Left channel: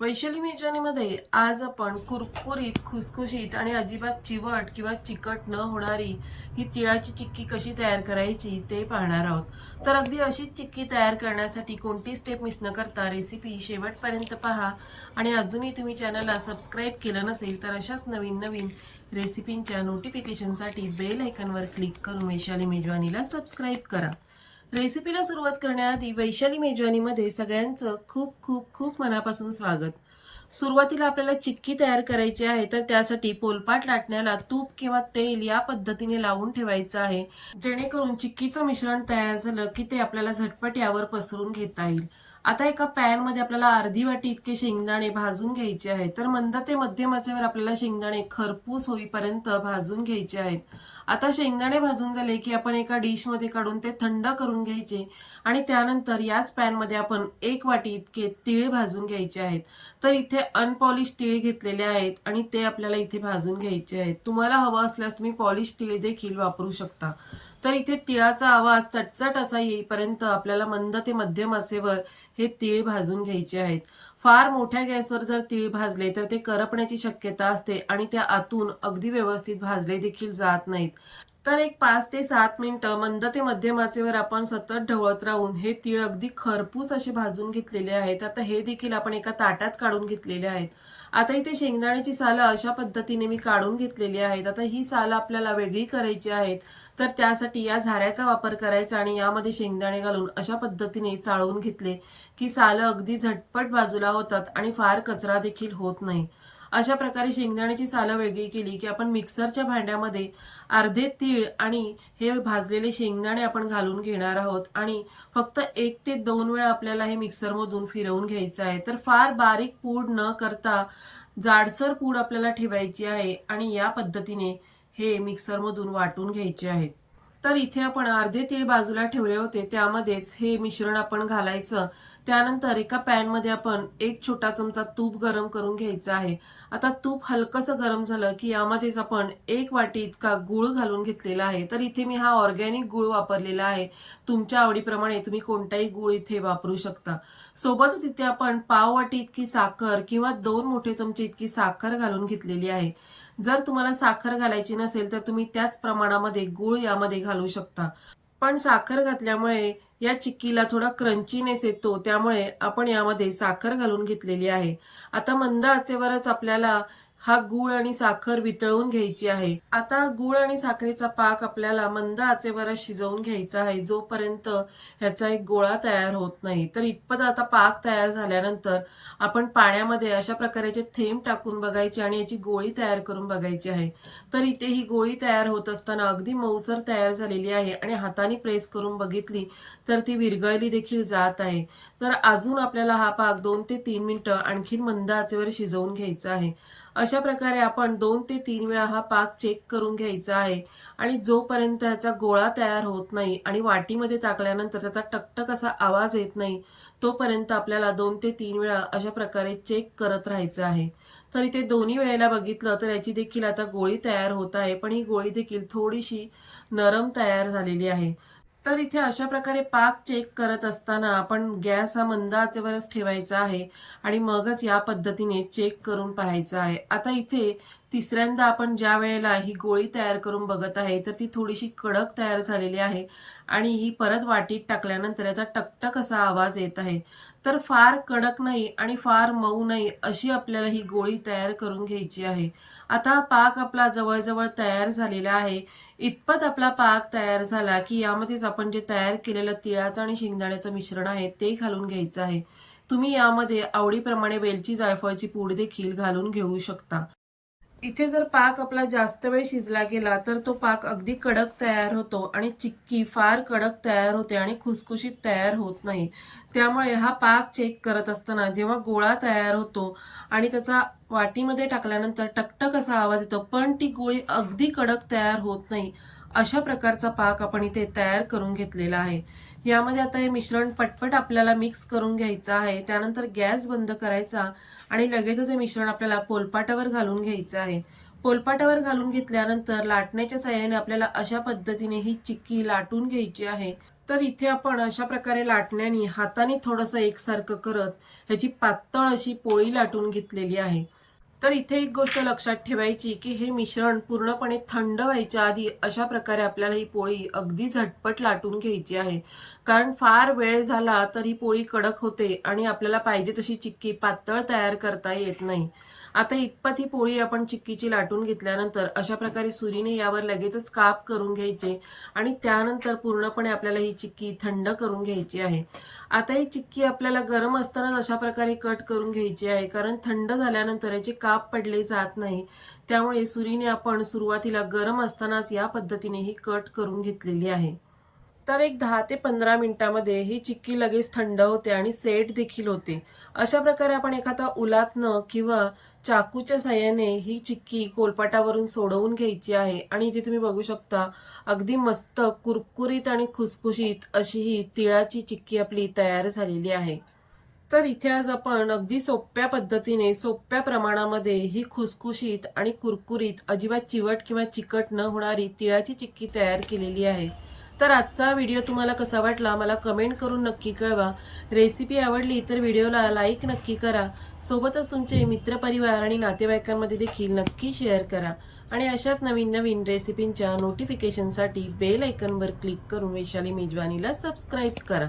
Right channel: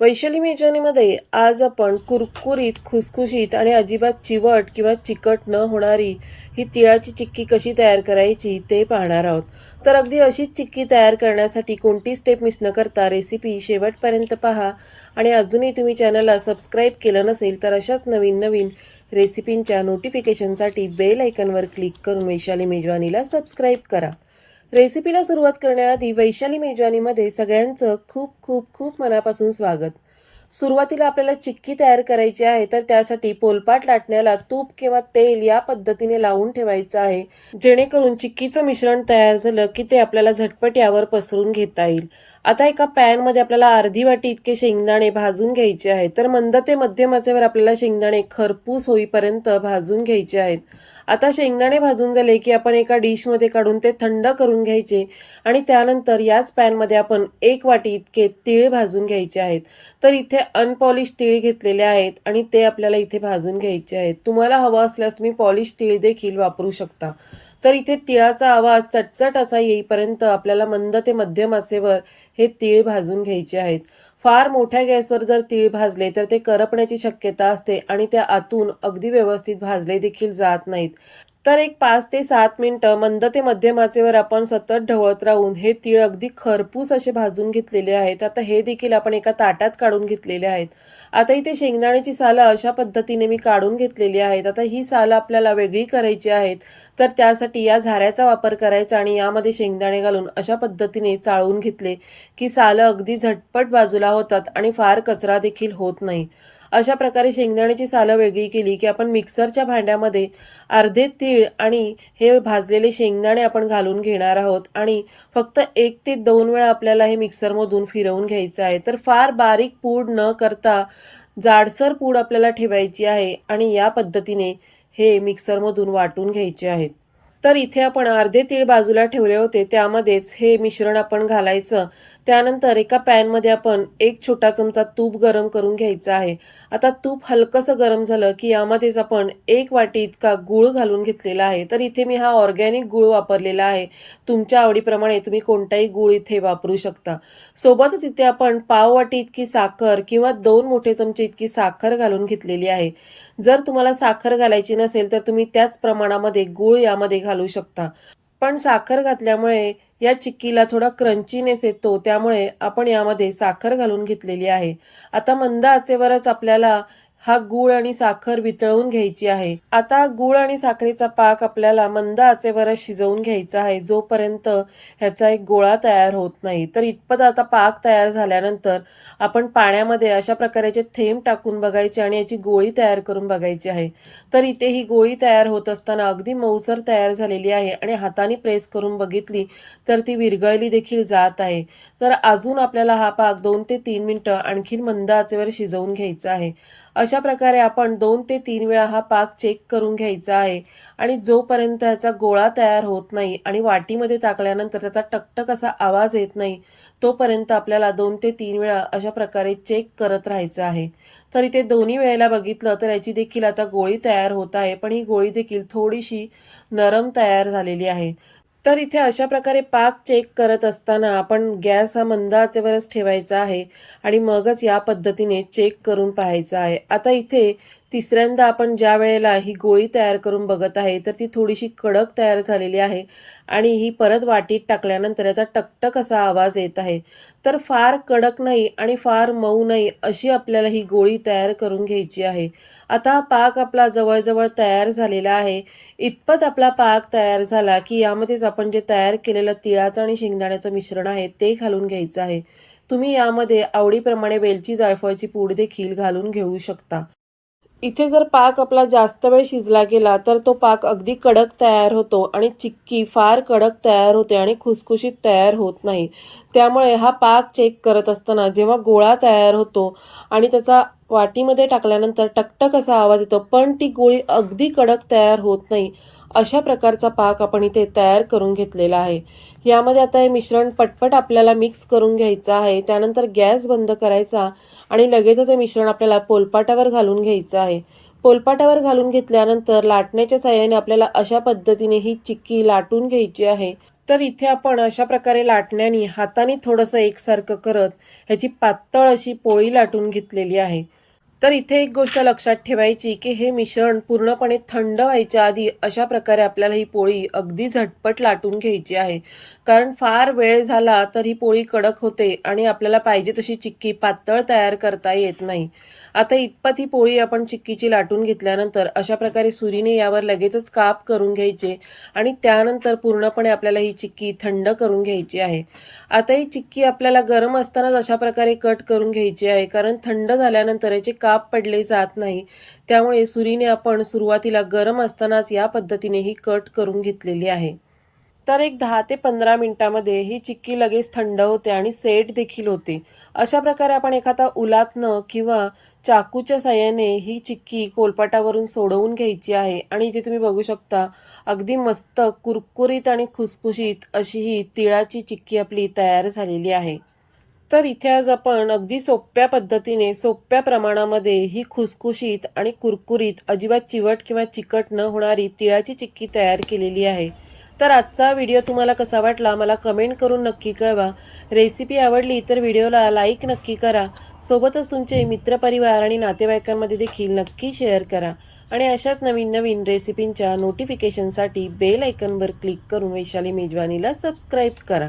वैशाली मेजवानीमध्ये आज आपण कुरकुरीत खुसखुशीत आणि अजिबात चिवट किंवा चिकट न होणारी ही तिळाची चिक्की कशी तयार करायची ते पाहणार आहोत. तर अगदी अशीच चिक्की तयार करण्यासाठी कोणती स्टेप मिस न करता रेसिपी शेवटपर्यंत पहा. आणि अजूनही तुम्ही चॅनलला सबस्क्राईब केलं नसेल तर अशाच नवीन नवीन रेसिपींच्या नोटिफिकेशनसाठी बेल आयकनवर क्लिक करून वैशाली मेजवानीला सबस्क्राईब करा. रेसिपीला सुरुवात करण्याआधी वैशाली मेजवानीमध्ये सगळ्यांचं खूप खूप खूप मनापासून स्वागत. सुरुवातीला आपल्याला चिक्की तयार करायची आहे तर त्यासाठी पोलपाट लाटण्याला तूप किंवा तेल या पद्धतीने लावून ठेवायचं आहे. जेणेकरून चिक्कीचं मिश्रण तयार झालं की ते आपल्याला झटपट यावर पसरून घेता येईल. आता एका पॅनमध्ये आपल्याला अर्धी वाटी इतके शेंगदाणे भाजून घ्यायचे आहेत. तर मंद ते मध्यम आचेवर आपल्याला शेंगदाणे खरपूस होईपर्यंत भाजून घ्यायचे आहेत. आता शेंगदाणे भाजून झाले की आपण एका डिशमध्ये काढून ते थंड करून घ्यायचे आणि त्यानंतर याच पॅनमध्ये आपण एक वाटी इतके तीळ भाजून घ्यायचे आहेत. तर इथे अनपॉलिश तीळ घेतलेले आहेत आणि ते आपल्याला इथे भाजून घ्यायचे आहेत. तुम्हाला हवं असल्यास तुम्ही पॉलिश तीळ देखील वापरू शकता. तर इथे तिळाचा आवाज चटचट असा येईपर्यंत आपल्याला मंद ते मध्यम आचेवर हे तीळ भाजून घ्यायचे आहेत. फार मोठ्या गॅसवर जर तीळ भाजले तर ते करपण्याची शक्यता असते आणि त्या आतून अगदी व्यवस्थित भाजले देखील जात नाहीत. तर एक पाच ते सात मिनटं मंद ते मध्यम आचेवर आपण सतत ढवळत राहून हे तीळ अगदी खरपूस असे भाजून घेतलेले आहेत. आता हे देखील आपण एका ताटात काढून घेतलेले आहेत. आता इथे शेंगदाण्याची सालं अशा पद्धतीने मी काढून घेतलेली आहेत. आता ही सालं आपल्याला वेगळी करायची आहेत. तर त्यासाठी या झाऱ्याचा वापर करायचा आणि यामध्ये शेंगदाणे घालून अशा पद्धतीने चाळून घेतले की सालं अगदी झटपट बाजूला होतात आणि फार कचरा देखील होत नाही. अशा प्रकारे शेंगदाण्याची सालं वेगळी केली की आपण मिक्सरच्या भांड्यामध्ये अर्धे तीळ आणि हे भाजलेले शेंगदाणे आपण घालून घेणार आहोत आणि फक्त एक ते दोन वेळा आपल्याला हे मिक्सरमधून फिरवून घ्यायचं आहे. तर फार बारीक पूड न करता जाडसर पूड आपल्याला ठेवायची आहे आणि या पद्धतीने हे मिक्सरमधून वाटून घ्यायचे आहेत. तर इथे आपण अर्धे तीळ बाजूला ठेवले होते त्यामध्येच हे मिश्रण आपण घालायचं. त्यानंतर एका पॅनमध्ये आपण एक छोटा चमचा तूप गरम करून घ्यायचं आहे. आता तूप हलकंसं गरम झालं की यामध्येच आपण एक वाटी इतका गूळ घालून घेतलेला आहे. तर इथे मी हा ऑर्गॅनिक गूळ वापरलेला आहे. तुमच्या आवडीप्रमाणे तुम्ही कोणताही गूळ इथे वापरू शकता. सोबतच इथे आपण पाव वाटी इतकी साखर किंवा दोन मोठे चमचे इतकी साखर घालून घेतलेली आहे. जर तुम्हाला साखर घालायची नसेल तर तुम्ही त्याच प्रमाणामध्ये गूळ यामध्ये घालू शकता. पण साखर घातल्यामुळे या चिक्कीला थोडा क्रंचीनेस येतो त्यामुळे आपण यामध्ये साखर घालून घेतलेली आहे. आता मंद आचेवरच आपल्याला हा गूळ आणि साखर वितळवून घ्यायची आहे. आता गूळ आणि साखरेचा पाक आपल्याला मंद आचेवर शिजवून घ्यायचा आहे. जोपर्यंत ह्याचा एक गोळा तयार होत नाही तर इतपत आता पाक तयार झाल्यानंतर आपण पाण्यामध्ये अशा प्रकारेचे थेंब टाकून बघायचे आणि याची गोळी तयार करून बघायची आहे. तर इथे ही गोळी तयार होत असताना अगदी मऊसर तयार झालेली आहे आणि हाताने प्रेस करून बघितली तर ती विरघळली देखील जात आहे. तर अजून आपल्याला हा पाक दोन ते तीन मिनिटं आणखीन मंद आचेवर शिजवून घ्यायचा आहे. अशा प्रकारे आपण दोन ते तीन वेळा हा पाक चेक करून घ्यायचा आहे. आणि जोपर्यंत याचा गोळा तयार होत नाही आणि वाटीमध्ये टाकल्यानंतर त्याचा टकटक असा आवाज येत नाही तोपर्यंत आपल्याला दोन ते तीन वेळा अशा प्रकारे चेक करत राहायचं आहे. तर इथे दोन्ही वेळेला बघितलं तर याची देखील आता गोळी तयार होत आहे पण ही गोळी देखील थोडीशी नरम तयार झालेली आहे. तर इथे अशा प्रकारे पाक चेक करत असताना आपण गॅस हा मंद आचेवरच ठेवायचा आहे आणि मगच या पद्धतीने चेक करून पाहायचा आहे. आता इथे तिसऱ्यांदा आपण ज्या वेळेला ही गोळी तयार करून बघत आहे तर ती थोडीशी कडक तयार झालेली आहे आणि ही परत वाटीत टाकल्यानंतर याचा टकटक असा आवाज येत आहे. तर फार कडक नाही आणि फार मऊ नाही अशी आपल्याला ही गोळी तयार करून घ्यायची आहे. आता पाक आपला जवळजवळ तयार झालेला आहे. इतपत आपला पाक तयार झाला की यामध्येच आपण जे तयार केलेलं तिळाचं आणि शेंगदाण्याचं मिश्रण आहे ते घालून घ्यायचं आहे. तुम्ही यामध्ये आवडीप्रमाणे वेलची जायफळची पूड देखील घालून घेऊ शकता. इथे जर पाक आपला जास्त वेळ शिजला गेला तर तो पाक अगदी कडक तयार होतो आणि चिक्की फार कडक तयार होते आणि खुसखुशीत तयार होत नाही. त्यामुळे हा पाक चेक करत असताना जेव्हा गोळा तयार होतो आणि त्याचा वाटीमध्ये टाकल्यानंतर टकटक असा आवाज येतो पण ती गोळी अगदी कडक तयार होत नाही. अशा प्रकारचा पाक आपण इथे तयार करून घेतलेला आहे. यामध्ये आता हे मिश्रण पटपट आपल्याला मिक्स करून घ्यायचं आहे. त्यानंतर गॅस बंद करायचा आणि लगेचच हे मिश्रण आपल्याला पोलपाटावर घालून घ्यायचं आहे. पोलपाटावर घालून घेतल्यानंतर लाटण्याच्या साह्याने आपल्याला अशा पद्धतीने ही चिक्की लाटून घ्यायची आहे. तर इथे आपण अशा प्रकारे लाटण्याने हाताने थोडंसं एकसारखं करत ह्याची पातळ अशी पोळी लाटून घेतलेली आहे. तर इथे एक गोष्ट लक्षात ठेवायची की हे मिश्रण पूर्णपणे थंड व्हायच्या आधी अशा प्रकारे आपल्याला ही पोळी अगदी झटपट लाटून घ्यायची आहे. कारण फार वेळ झाला तर ही पोळी कडक होते आणि आपल्याला पाहिजे तशी चिक्की पातळ तयार करता येत नाही. आता इतपत ही पोळी आपण चिक्कीची लाटून घेतल्यानंतर अशा प्रकारे सुरीने यावर लगेचच काप करून घ्यायचे आणि त्यानंतर पूर्णपणे आपल्याला ही चिक्की थंड करून घ्यायची आहे. आता ही चिक्की आपल्याला गरम असतानाच अशा प्रकारे कट करून घ्यायची आहे कारण थंड झाल्यानंतर याचे काप पडले जात नाही. त्यामुळे सुरीने आपण सुरुवातीला गरम असतानाच या पद्धतीने ही कट करून घेतलेली आहे. तर एक दहा ते पंधरा मिनिटामध्ये ही चिक्की लगेच थंड होते आणि सेट देखील होते. अशा प्रकारे आपण एखादा उलातनं किंवा चाकूच्या साह्याने ही चिक्की कोलपाटावरून सोडवून घ्यायची आहे आणि इथे तुम्ही बघू शकता अगदी मस्त कुरकुरीत आणि खुसखुशीत अशी ही तिळाची चिक्की आपली तयार झालेली आहे. तर इथे आज आपण अगदी सोप्या पद्धतीने सोप्या प्रमाणामध्ये ही खुसखुशीत आणि कुरकुरीत अजिबात चिवट किंवा चिकट न होणारी तिळाची चिक्की तयार केलेली आहे. तर आजचा व्हिडिओ तुम्हाला कसा वाटला मला कमेंट करून नक्की कळवा. रेसिपी आवडली तर व्हिडिओला लाईक नक्की करा. सोबतच तुमचे मित्रपरिवार आणि नातेवाईकांमध्ये देखील नक्की शेअर करा. आणि अशाच नवीन नवीन रेसिपींच्या नोटिफिकेशनसाठी बेल ऐकनवर क्लिक करून वैशाली मेजवानीला सबस्क्राईब करा.